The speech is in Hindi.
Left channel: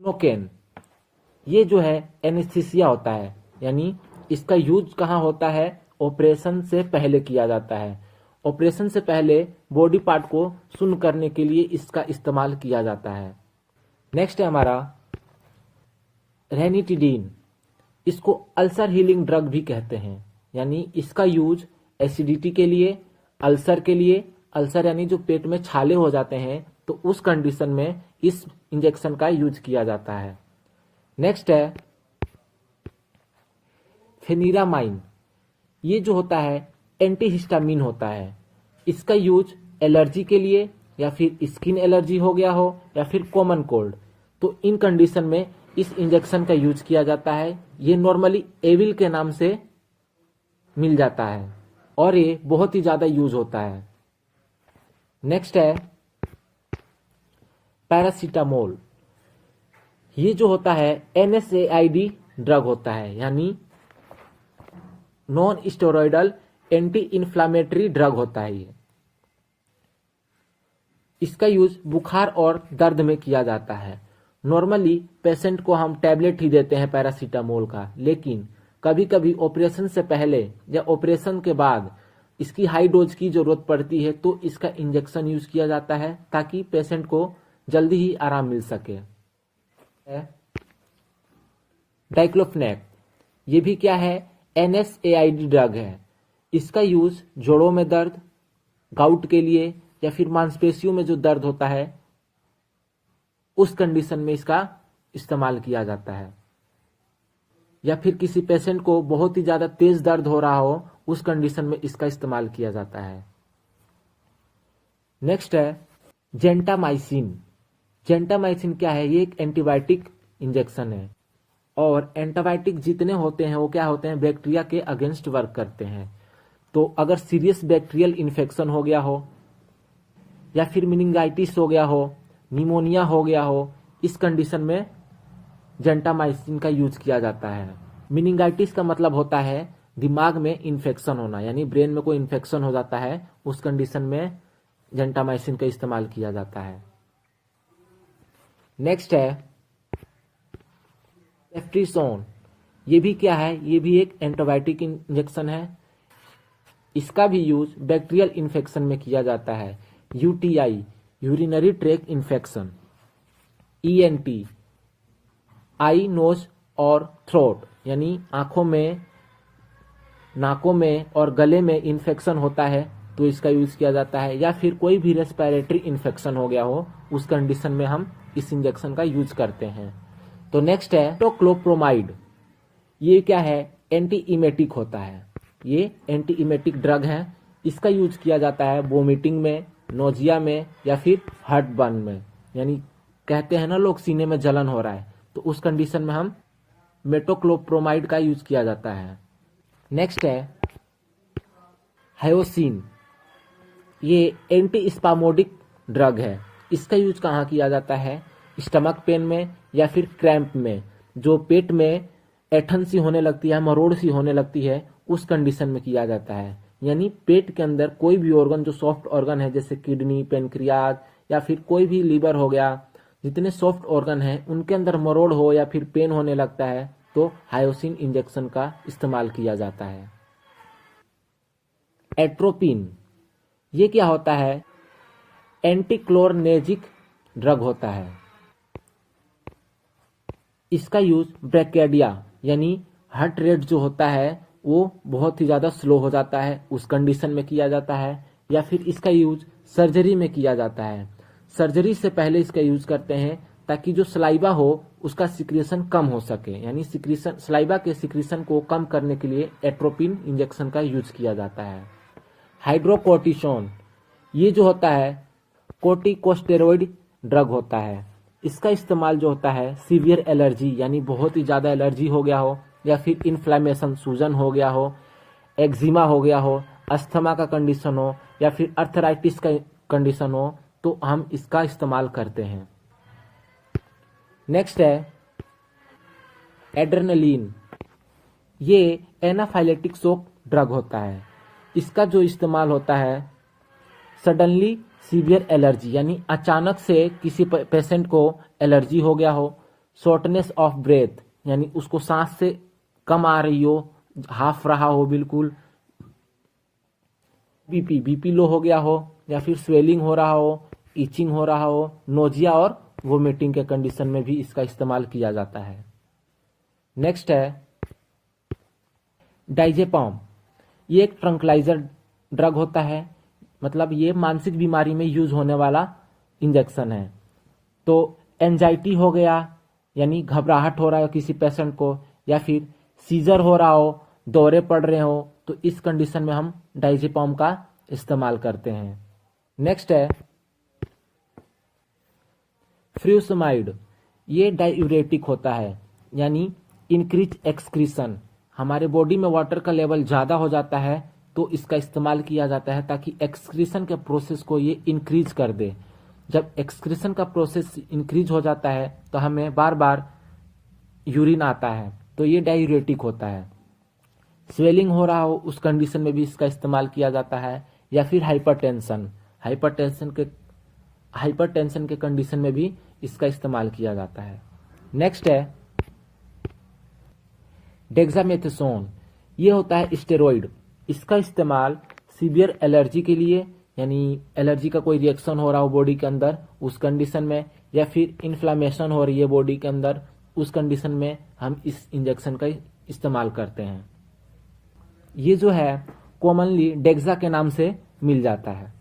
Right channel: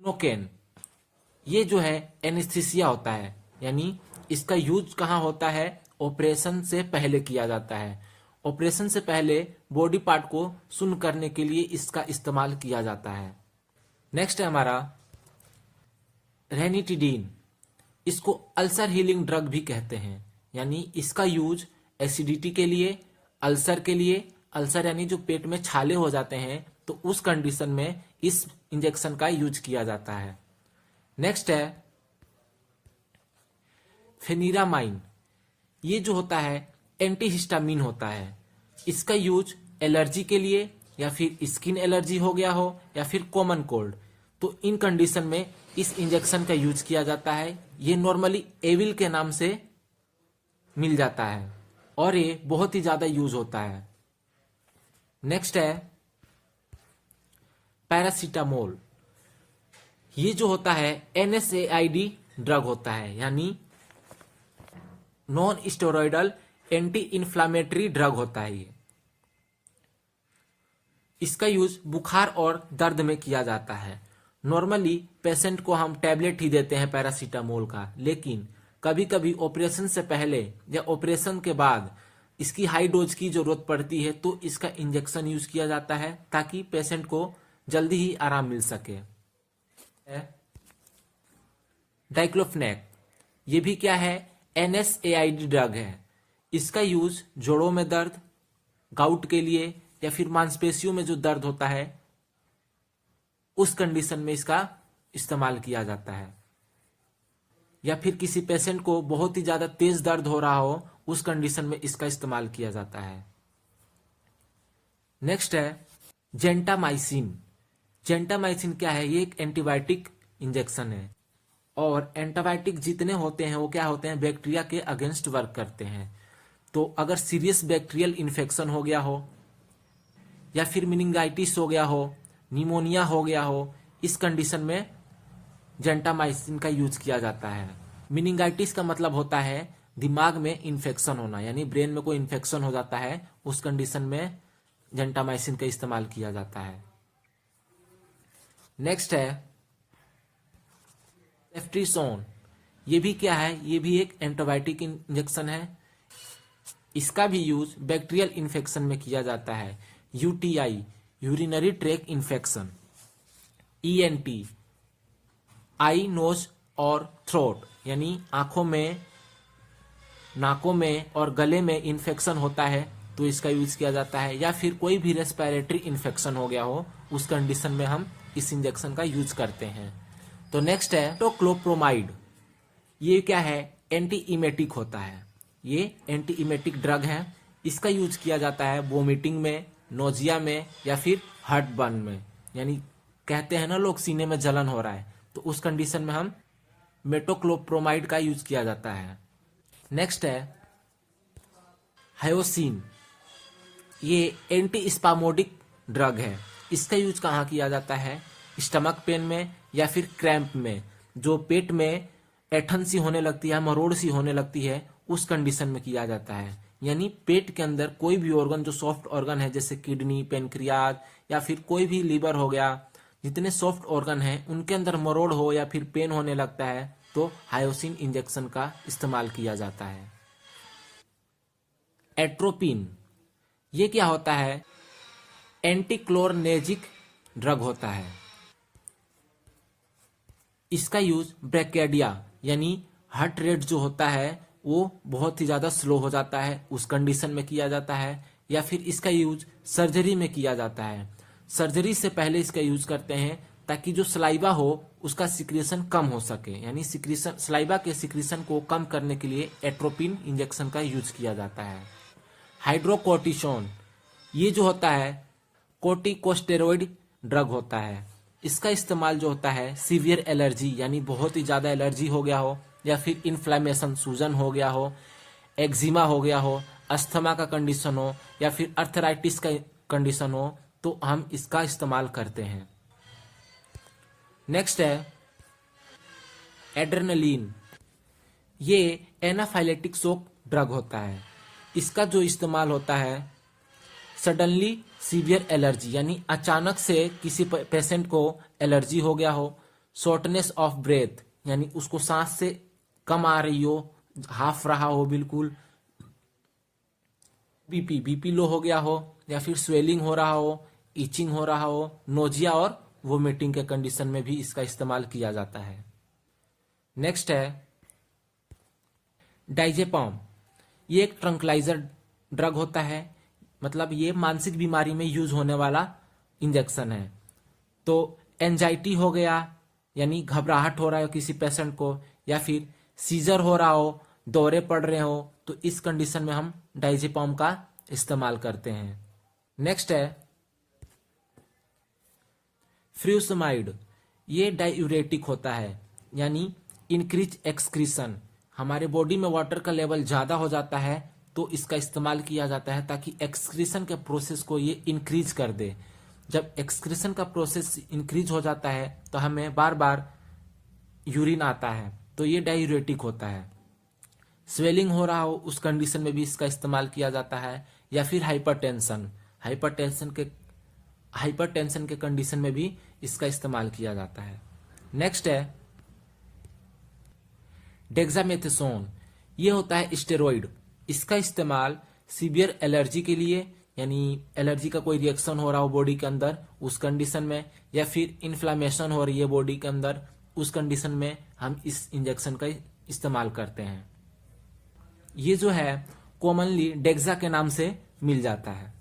नोकेन, ये जो है एनेस्थीसिया होता है, यानी इसका यूज कहाँ होता है? ऑपरेशन से पहले किया जाता है। ऑपरेशन से पहले बॉडी पार्ट को सुन्न करने के लिए इसका इस्तेमाल किया जाता है। नेक्स्ट है हमारा रेनिटिडीन। इसको अल्सर हीलिंग ड्रग भी कहते हैं, यानी इसका यूज एसिडिटी के लिए, अल्सर के लिए, अल्सर यानी जो पेट में छाले हो जाते हैं तो उस कंडीशन में इस इंजेक्शन का यूज किया जाता है। नेक्स्ट है फेनिरामाइन। ये जो होता है एंटीहिस्टामिन होता है। इसका यूज एलर्जी के लिए, या फिर स्किन एलर्जी हो गया हो, या फिर कॉमन कोल्ड, तो इन कंडीशन में इस इंजेक्शन का यूज किया जाता है। ये नॉर्मली एविल के नाम से मिल जाता है और ये बहुत ही ज्यादा यूज होता है। नेक्स्ट है पैरासीटामोल। ये जो होता है NSAID ड्रग होता है, यानी non steroidal anti inflammatory drug होता है। ये इसका यूज बुखार और दर्द में किया जाता है। नॉर्मली पेशेंट को हम टैबलेट ही देते हैं पैरासीटामोल का, लेकिन कभी कभी ऑपरेशन से पहले या ऑपरेशन के बाद इसकी हाई डोज की जरूरत पड़ती है तो इसका इंजेक्शन यूज किया जाता है ताकि पेशेंट को जल्दी ही आराम मिल सके। डाइक्लोफेनेक, ये भी क्या है? NSAID ड्रग है। इसका यूज जोड़ों में दर्द, गाउट के लिए, या फिर मांसपेशियों में जो दर्द होता है उस कंडीशन में इसका इस्तेमाल किया जाता है, या फिर किसी पेशेंट को बहुत ही ज्यादा तेज दर्द हो रहा हो उस कंडीशन में इसका इस्तेमाल किया जाता है। नेक्स्ट है जेंटामाइसिन। जेंटामाइसिन क्या है? ये एक एंटीबायोटिक इंजेक्शन है, और एंटीबायोटिक जितने होते हैं वो क्या होते हैं? बैक्टीरिया के अगेंस्ट वर्क करते हैं। तो अगर सीरियस बैक्टीरियल इन्फेक्शन हो गया हो, या फिर मेनिंजाइटिस हो गया हो, निमोनिया हो गया हो, इस कंडीशन में जेंटामाइसिन का यूज किया जाता है। मेनिंजाइटिस का मतलब होता है दिमाग में इन्फेक्शन होना, यानी ब्रेन में कोई इन्फेक्शन हो जाता है, उस कंडीशन में जेंटामाइसिन का इस्तेमाल किया जाता है। नेक्स्ट है सेफ्ट्रिसोन। ये भी क्या है? ये भी एक एंटीबायोटिक इंजेक्शन है। इसका भी यूज बैक्टीरियल इन्फेक्शन में किया जाता है। UTI, urinary track infection, ENT, आई, नोज और थ्रोट, यानी आंखों में, नाकों में और गले में इन्फेक्शन होता है तो इसका यूज किया जाता है, या फिर कोई भी रेस्पिरेटरी इन्फेक्शन हो गया हो उस कंडीशन में हम इस इंजेक्शन का यूज करते हैं। तो नेक्स्ट है टोक्लोप्रोमाइड। ये क्या है? एंटी इमेटिक होता है। ये एंटी इमेटिक ड्रग है। इसका यूज किया जाता है वोमिटिंग में, नोजिया में, या फिर हार्ट बर्न में, यानी कहते हैं ना लोग सीने में जलन हो रहा है, तो उस कंडीशन में हम मेटोक्लोप्रोमाइड का यूज किया जाता है। नेक्स्ट है हायोसिन। ये एंटी स्पामोडिक ड्रग है। इसका यूज कहाँ किया जाता है? स्टमक पेन में, या फिर क्रैम्प में, जो पेट में ऐठन सी होने लगती है, मरोड़ सी होने लगती है, उस कंडीशन में किया जाता है। यानी पेट के अंदर कोई भी ऑर्गन जो सॉफ्ट ऑर्गन है, जैसे किडनी, पेनक्रियाज, या फिर कोई भी लीवर हो गया, जितने सॉफ्ट ऑर्गन हैं उनके अंदर मरोड़ हो या फिर पेन होने लगता है तो हायोसिन इंजेक्शन का इस्तेमाल किया जाता है। एट्रोपिन, ये क्या होता है? एंटीक्लोरनेजिक ड्रग होता है। इसका यूज ब्रैकेडिया, यानी हार्ट रेट जो होता है वो बहुत ही ज्यादा स्लो हो जाता है उस कंडीशन में किया जाता है, या फिर इसका यूज सर्जरी में किया जाता है। सर्जरी से पहले इसका यूज करते हैं ताकि जो सलाइवा हो उसका सिक्रेशन कम हो सके, यानी सिक्रेशन, सलाइवा के सिक्रेशन को कम करने के लिए एट्रोपिन इंजेक्शन का यूज किया जाता है। हाइड्रोकोर्टिसोन, ये जो होता है कोर्टिकोस्टेरॉइड ड्रग होता है। इसका इस्तेमाल जो होता है सीवियर एलर्जी, यानी बहुत ही ज़्यादा एलर्जी हो गया हो, या फिर इन्फ्लामेशन, सूजन हो गया हो, एक्जिमा हो गया हो, अस्थमा का कंडीशन हो, या फिर अर्थराइटिस का कंडीशन हो, तो हम इसका इस्तेमाल करते हैं। नेक्स्ट है एड्रेनलिन। ये एनाफाइलेटिक शॉक ड्रग होता है। इसका जो इस्तेमाल होता है सडनली सीवियर एलर्जी, यानी अचानक से किसी पेशेंट को एलर्जी हो गया हो शॉर्टनेस ऑफ ब्रेथ, यानी उसको सांस से कम आ रही हो, हाफ रहा हो बिल्कुल, बीपी लो हो गया हो, या फिर स्वेलिंग हो रहा हो, इचिंग हो रहा हो, नोजिया और वोमिटिंग के कंडीशन में भी इसका इस्तेमाल किया जाता है। नेक्स्ट है डाइजेपम। ये एक ट्रंकलाइजर ड्रग होता है, मतलब ये मानसिक बीमारी में यूज होने वाला इंजेक्शन है। तो एंजाइटी हो गया, यानी घबराहट हो रहा है किसी पेशेंट को, या फिर सीजर हो रहा हो, दौरे पड़ रहे हो, तो इस कंडीशन में हम डाइजेपम का इस्तेमाल करते हैं। नेक्स्ट है फ्यूसमाइड। ये डायूरेटिक होता है, यानी इंक्रीज एक्सक्रीशन। हमारे बॉडी में वाटर का लेवल ज़्यादा हो जाता है तो इसका इस्तेमाल किया जाता है ताकि एक्सक्रीशन के प्रोसेस को ये इंक्रीज कर दे। जब एक्सक्रीशन का प्रोसेस इंक्रीज हो जाता है तो हमें बार बार यूरिन आता है, तो ये डायूरेटिक होता है। स्वेलिंग हो रहा हो उस कंडीशन में भी इसका इस्तेमाल किया जाता है, या फिर हाइपरटेंशन के कंडीशन में भी इसका इस्तेमाल किया जाता है। नेक्स्ट है डेक्सामेथासोन। ये होता है स्टेरॉइड। इसका इस्तेमाल सीवियर एलर्जी के लिए, यानी एलर्जी का कोई रिएक्शन हो रहा हो बॉडी के अंदर उस कंडीशन में, या फिर इन्फ्लामेशन हो रही है बॉडी के अंदर उस कंडीशन में हम इस इंजेक्शन का इस्तेमाल करते हैं। ये जो है कॉमनली डेक्सा के नाम से मिल जाता है।